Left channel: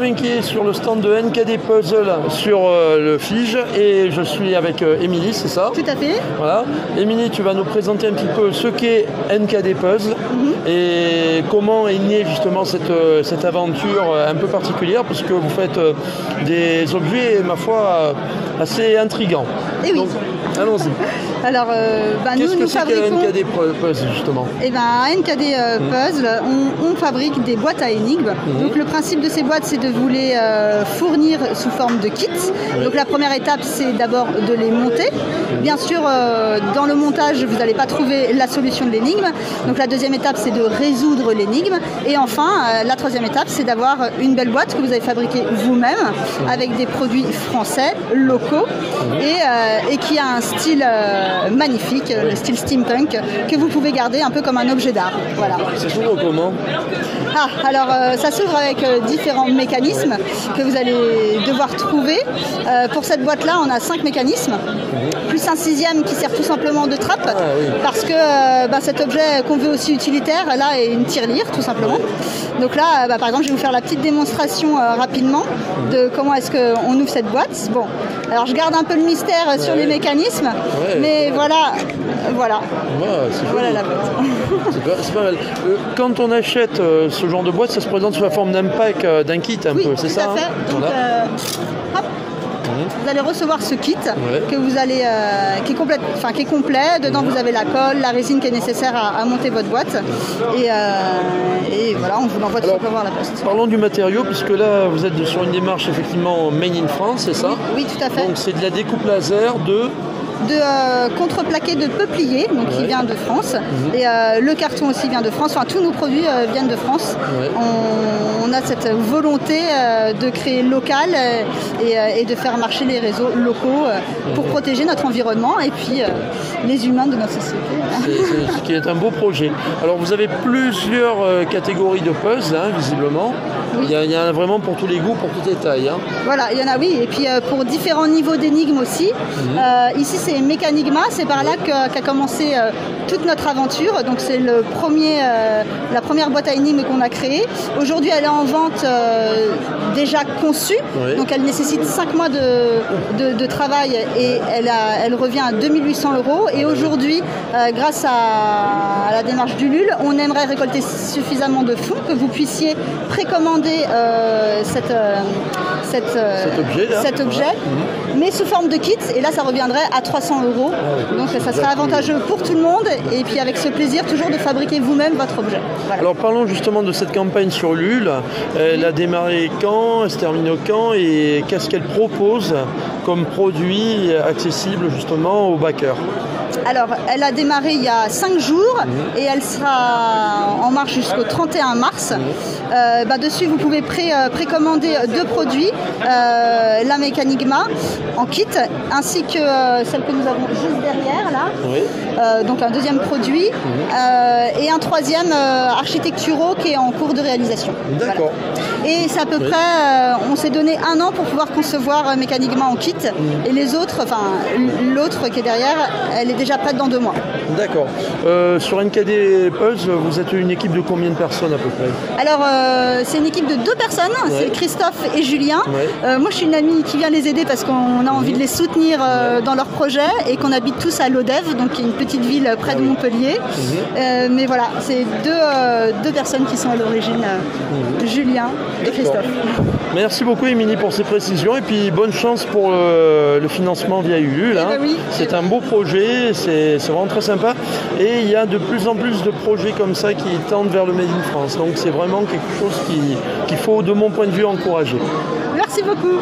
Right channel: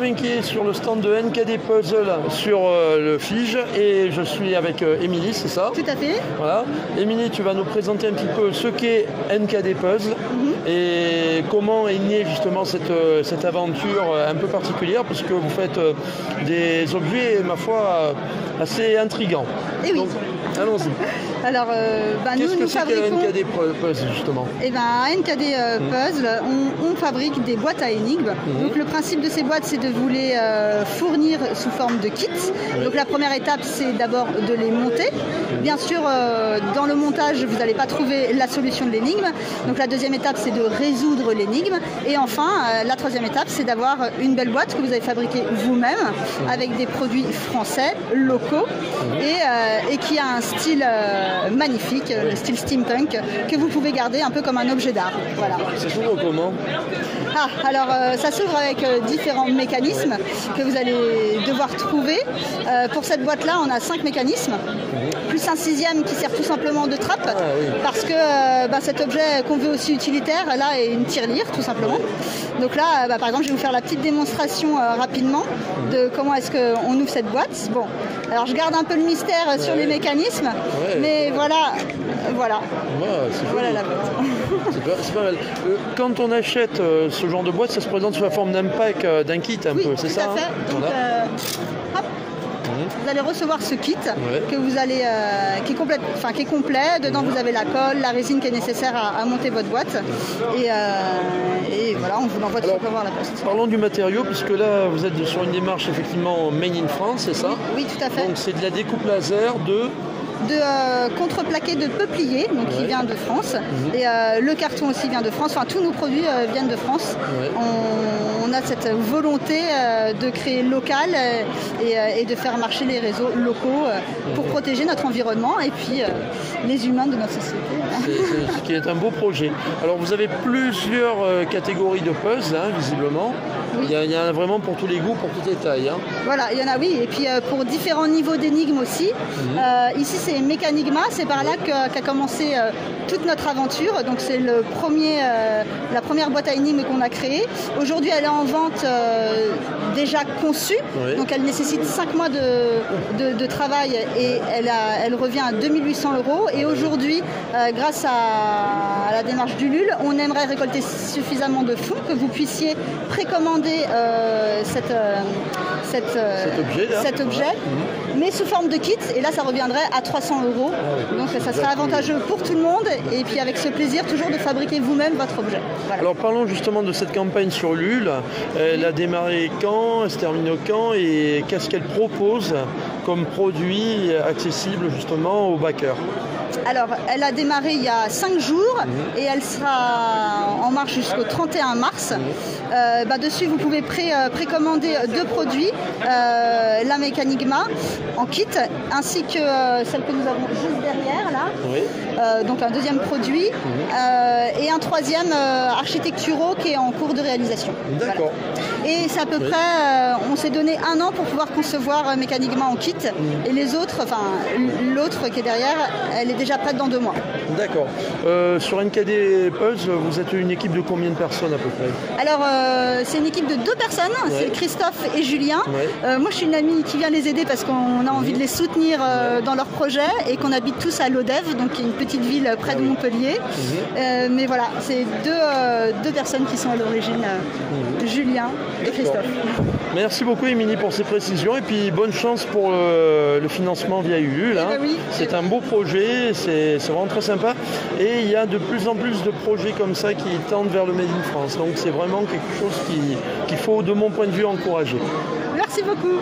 Benjamin qui est sur le stand de NKD Puzzle sur le Fige et je suis avec Émilie, c'est ça? Tout à fait. Voilà. Émilie, tu vas nous présenter un petit peu ce qu'est NKD Puzzle et comment est née justement cette aventure un peu particulière puisque vous faites des objets, ma foi, assez intrigants. Et oui. Donc, allons-y. Alors, qu'est-ce que nous c'est fabriquons... qu'un NKD Puzzle justement? Eh ben, à NKD Puzzle, on fabrique des boîtes à énigmes. Donc le principe de ces boîtes, c'est de vous les fournir sous forme de kits. Donc la première étape, c'est d'abord de les monter. Bien sûr, dans le montage, vous n'allez pas trouver la solution de l'énigme. Donc la deuxième étape, c'est de résoudre l'énigme. Et enfin, la troisième étape, c'est d'avoir une belle boîte que vous avez fabriquée vous-même avec des produits français, locaux et qui a un style magnifique, le style steampunk, que vous pouvez garder un peu comme un objet d'art. Voilà. Ça s'ouvre comment? Alors ça s'ouvre avec différents mécanismes que vous allez devoir trouver. Pour cette boîte-là, on a 5 mécanismes, plus un 6e qui sert tout simplement de trappe, parce que cet objet qu'on veut aussi utilitaire, là, est une tirelire, tout simplement. Donc là, par exemple, je vais vous faire la petite démonstration rapidement de comment est-ce qu'on ouvre cette boîte. Bon, alors je garde un peu le mystère sur les mécanismes, mais voilà. Voilà la boîte. C'est pas mal. Quand on achète ce genre de boîte, ça se présente sous la forme d'un pack, d'un kit un peu, c'est ça? Oui, tout à fait. Donc, hop. Vous allez recevoir ce kit que vous allez, qui est complet. Dedans, vous avez la colle, la résine qui est nécessaire à monter votre boîte. Et voilà, on vous l'envoie tout simplement à la poste. Parlons du matériau, puisque là, vous êtes sur une démarche effectivement made in France, c'est ça? Oui, tout à fait. Donc c'est de la découpe laser de contreplaqué de peuplier, donc qui vient de France. Et le carton aussi vient de France. Enfin, tous nos produits viennent de France. On a cette volonté de créer local et de faire marcher les réseaux locaux pour protéger notre environnement et puis les humains de notre société. Ce qui est un beau projet. Alors vous avez plusieurs catégories de puzzles, visiblement. Oui. Il y en a vraiment pour tous les goûts, pour toutes les tailles. Voilà, il y en a, oui. Et puis pour différents niveaux d'énigmes aussi. Ici, c'est Mécanigma. C'est par là qu'a commencé toute notre aventure. Donc c'est la première boîte à énigmes qu'on a créée. Aujourd'hui, elle est en vente déjà conçue. Donc elle nécessite 5 mois de travail et elle revient à 2800 €. Et aujourd'hui, grâce à la démarche d'Ulule, on aimerait récolter suffisamment de fonds que vous puissiez précommander cet objet, mais sous forme de kit. Et là, ça reviendrait à 300 €. Donc ça serait avantageux pour tout le monde. Et puis avec ce plaisir toujours de fabriquer vous-même votre objet. Voilà. Alors parlons justement de cette campagne sur Ulule. Elle a démarré quand? Elle se termine quand? Et qu'est-ce qu'elle propose comme produit accessible justement aux backers? Alors, elle a démarré il y a 5 jours et elle sera en marche jusqu'au 31 mars. Dessus, vous pouvez précommander 2 produits, la Mécanigma en kit, ainsi que celle que nous avons juste derrière, là. Donc un deuxième produit et un troisième architecturaux qui est en cours de réalisation. D'accord. Voilà. Et c'est à peu près, on s'est donné 1 an pour pouvoir concevoir Mécanigma en kit. Et les autres, l'autre qui est derrière, elle est déjà prête dans 2 mois. D'accord. Sur NKD Puzzle, vous êtes une équipe de combien de personnes à peu près? Alors, c'est une équipe de 2 personnes, c'est Christophe et Julien. Moi, je suis une amie qui vient les aider parce qu'on a envie de les soutenir dans leur projet et qu'on habite tous à Lodève, donc qui est une petite ville près de Montpellier. Mais voilà, c'est deux personnes qui sont à l'origine, Julien et Christophe. Merci beaucoup Émilie pour ces précisions et puis bonne chance pour le financement via Ulule. C'est un beau projet, c'est vraiment très sympa et il y a de plus en plus de projets comme ça qui tendent vers le Made in France. Donc c'est vraiment quelque chose qu'il faut, de mon point de vue, encourager. Merci beaucoup.